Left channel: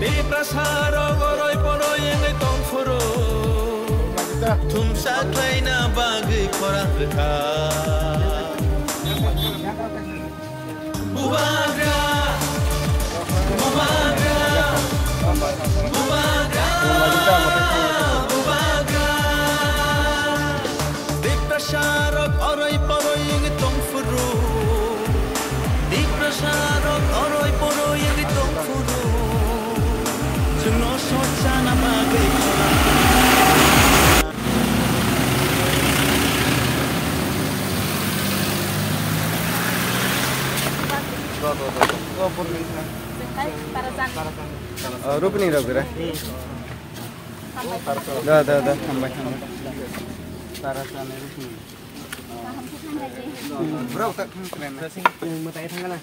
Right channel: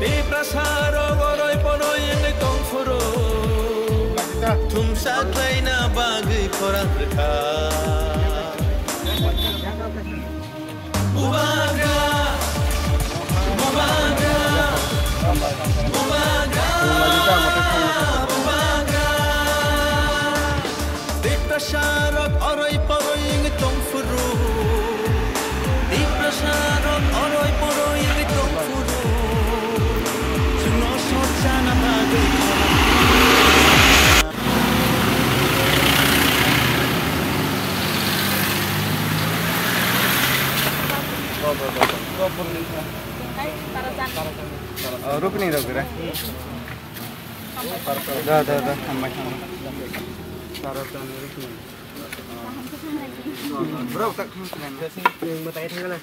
Di prasaro goroy poroy yang itong furo Tumsa klay na bagay korang reka Bubagra Bubagra Bubagra Bubagra Di prasaro goroy poroy yang itong furo Di prasaro goroy poroy yang itong furo Sungno socha na bagay korang रुकनी रख रहा दा sampai bro kat sini mau tanya tanya lah